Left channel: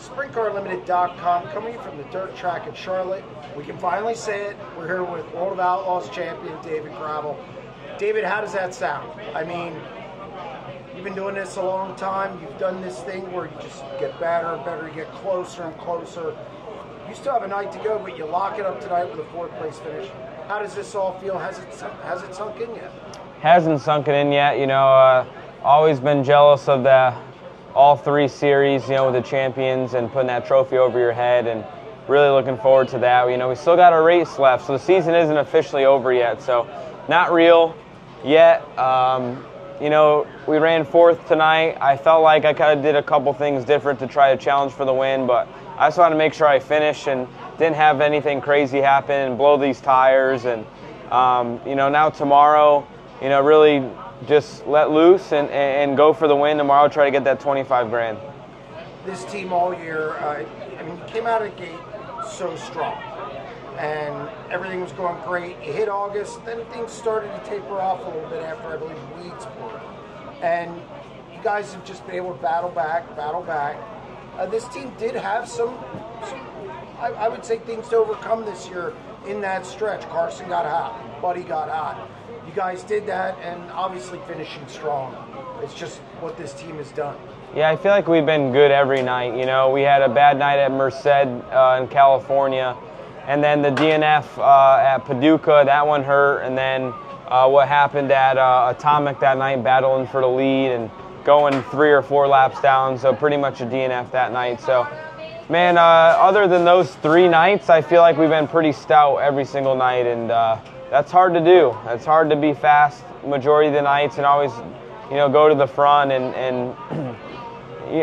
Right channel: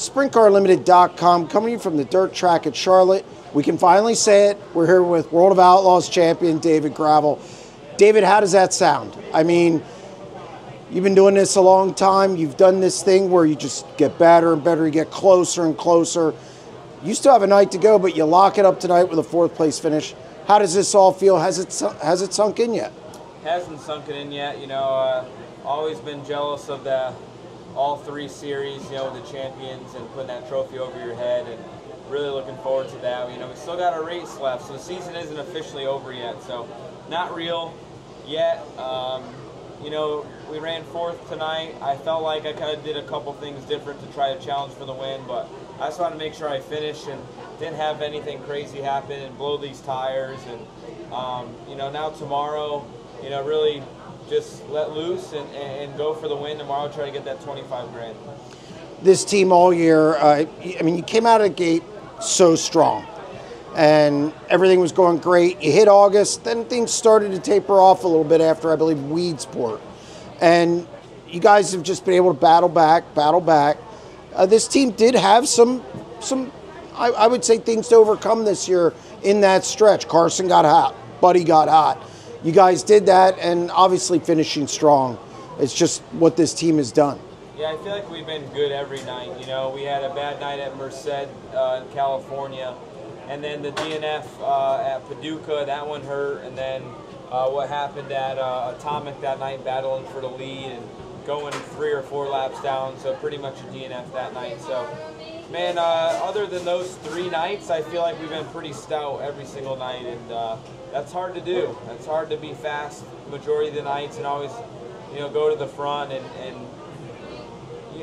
SprintCarLimited.com, coming from the dirt track at Charlotte. We can finally say it. We're here with World of Outlaws champion David Gravel. David, how does that sound? I mean, you've been doing this a long time. You've done this thing where you just get better and better. You get closer and closer. You still have a night to go, but you lock it up tonight with a fourth-place finish. How does this all feel? Has it sunk in yet? Hasn't sunken in yet. You know, always been jealous of all three series, you know, with the champions and putting that trophy over your head, and really looking forward to that. You know, we still got a race left, so the season isn't officially over yet, so not real yet. You know, we ran fourth tonight. I felt like I kind of did a couple things different to try to challenge for the win, but I just wanted to make sure I finished and didn't have anything crazy happen and blow these tires. And, you know, now tomorrow, you know, really just let loose and go for the win tomorrow, try to get that 25 grand. This team all year, I mean, you came out of the gate so strong and everything was going great. You hit August, then things started to taper off a little bit after, I believe, Weedsport. And you guys have just been able to battle back. This team did have some I would say, things to overcome this year in that stretch. Carson got hot. Buddy got hot. You guys did that, and obviously finishing strong. It's just what this team has done. Yeah, I feel like we've been good every night. You know, we had a bad night at Merced in California, and then the DNF at Paducah, that one hurt, and then what happened at Atomic that night, battling for the lead and going 3 or 4 laps down, so pretty much a DNF that night. So, man, other than those 3 nights, I feel like we've been pretty stout every single night, and that's hard to do. It's hard to be fast majority of the nights and always, you know, go to the front. And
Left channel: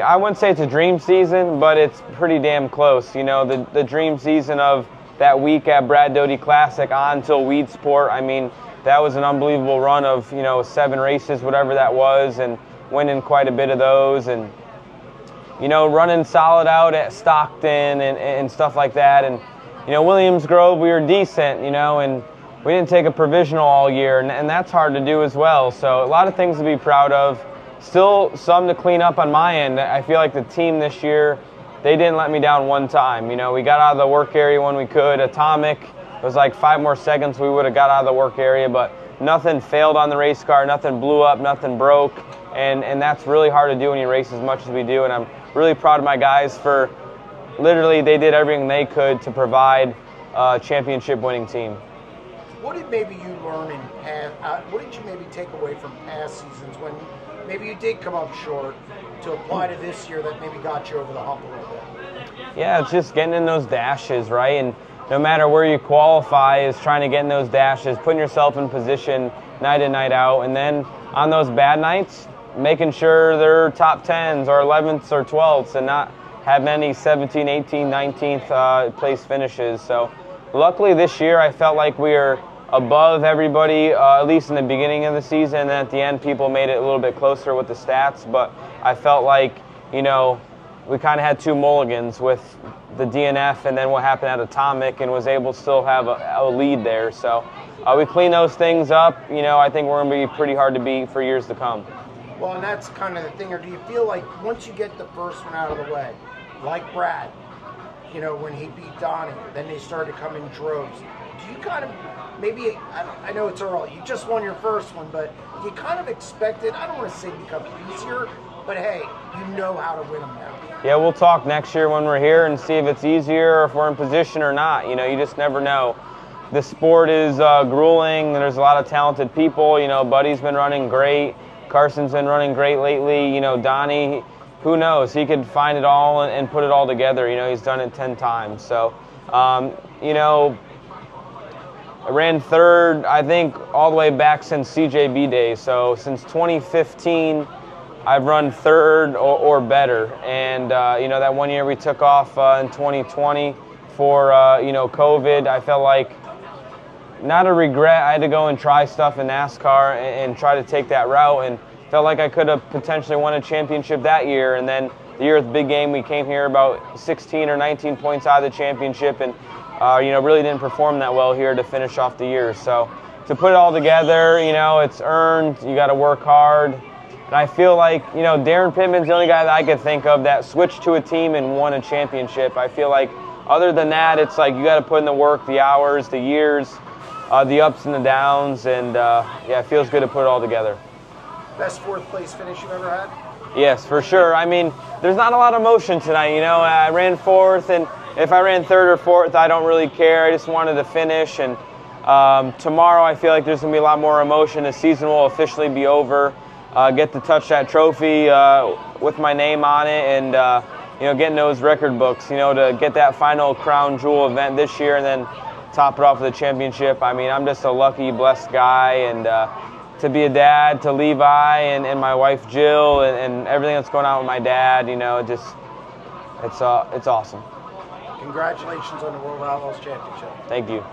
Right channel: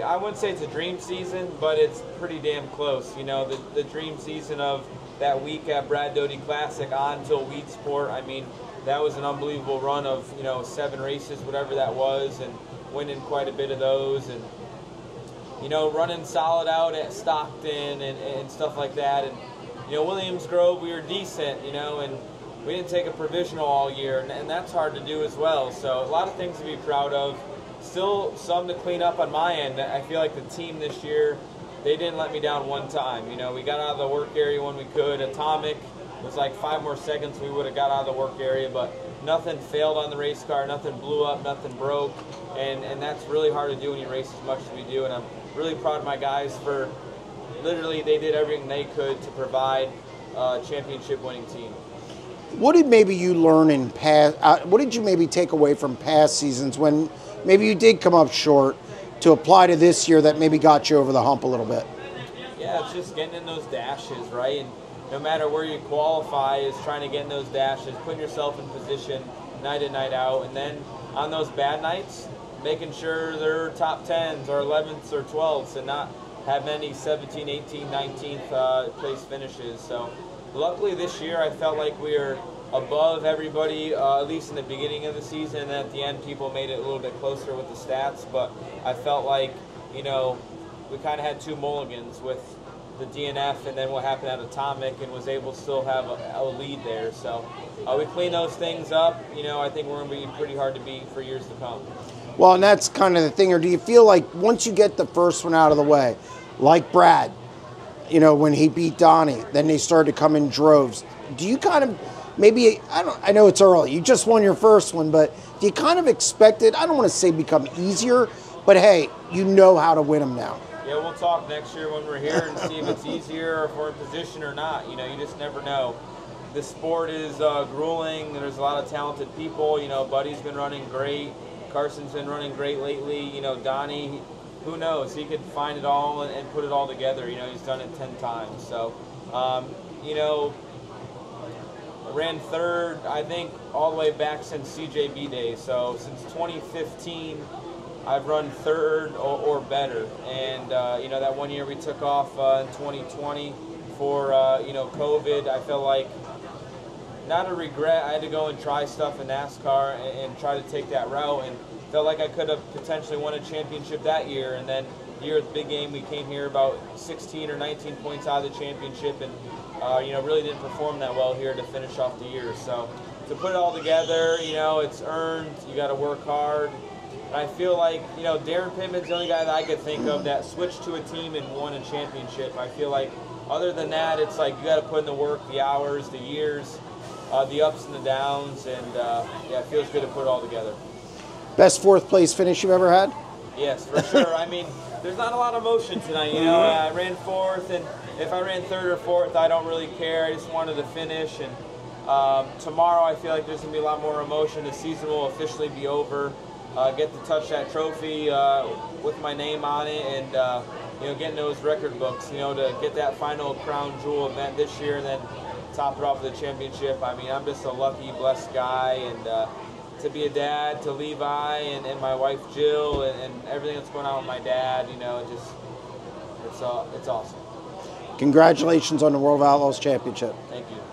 I wouldn't say it's a dream season, but it's pretty damn close. You know, the dream season of that week at Brad Doty Classic on till Weedsport. I mean, that was an unbelievable run of, you know, 7 races, whatever that was, and winning quite a bit of those. And, you know, running solid out at Stockton and stuff like that. And, you know, Williams Grove, we were decent, you know, and we didn't take a provisional all year, and that's hard to do as well. So a lot of things to be proud of. Still some to clean up on my end. I feel like the team this year, they didn't let me down one time. You know, we got out of the work area when we could. Atomic, it was like 5 more seconds we would have got out of the work area, but nothing failed on the race car, nothing blew up, nothing broke, and that's really hard to do when you race as much as we do. And I'm really proud of my guys for literally they did everything they could to provide a championship-winning team. What did maybe you learn in past? What did you maybe take away from past seasons when maybe you did come up short to apply to this year that maybe got you over the hump a little bit? Yeah, it's just getting in those dashes, right? And no matter where you qualify is trying to get in those dashes, putting yourself in position night in, night out, and then on those bad nights, making sure they're top 10s or 11ths or 12ths and not have many 17th, 18th, 19th place finishes. So luckily this year I felt like we were above everybody, at least in the beginning of the season, and then at the end people made it a little bit closer with the stats. But I felt like, you know, we kind of had 2 mulligans with the DNF and then what happened at Atomic, and was able to still have a lead there. So we clean those things up. You know, I think we're going to be pretty hard to beat for years to come. Well, and that's kind of the thing. Or do you feel like once you get the first one out of the way, like Brad, you know, when he beat Donnie, then they started to come in droves. Do you kind of maybe, I know it's early, you just won your first one, but do you kind of expect it, I don't want to say become easier, but hey, you know how to win them now? Yeah, we'll talk next year when we're here and see if it's easier or if we're in position or not. You know, you just never know. The sport is grueling. There's a lot of talented people. You know, Buddy's been running great. Carson's been running great lately. You know, Donnie, who knows? He could find it all and put it all together. You know, he's done it 10 times. So, you know, I ran 3rd, I think, all the way back since CJB days. So since 2015, I've run 3rd or better. And, you know, that one year we took off in 2020 for, you know, COVID, I felt like, not a regret. I had to go and try stuff in NASCAR and try to take that route, and felt like I could have potentially won a championship that year. And then the year of the big game, we came here about 16 or 19 points out of the championship, and you know, really didn't perform that well here to finish off the year. So to put it all together, you know, it's earned. You got to work hard. And I feel like, you know, Darren Pittman's the only guy that I could think of that switched to a team and won a championship. I feel like other than that, it's like you got to put in the work, the hours, the years, the ups and the downs, and yeah, it feels good to put it all together. Best fourth place finish you've ever had? Yes, for sure. I mean, there's not a lot of motion tonight. You know, I ran fourth, and if I ran third or fourth, I don't really care. I just wanted to finish, and tomorrow I feel like there's going to be a lot more emotion. The season will officially be over. Get to touch that trophy with my name on it, and you know, getting those record books, you know, to get that final crown jewel event this year and then top it off with a championship. I mean, I'm just a lucky, blessed guy, and to be a dad to Levi and my wife Jill and everything that's going on with my dad, you know, it's awesome. Congratulations on the World of Outlaws championship. Thank you.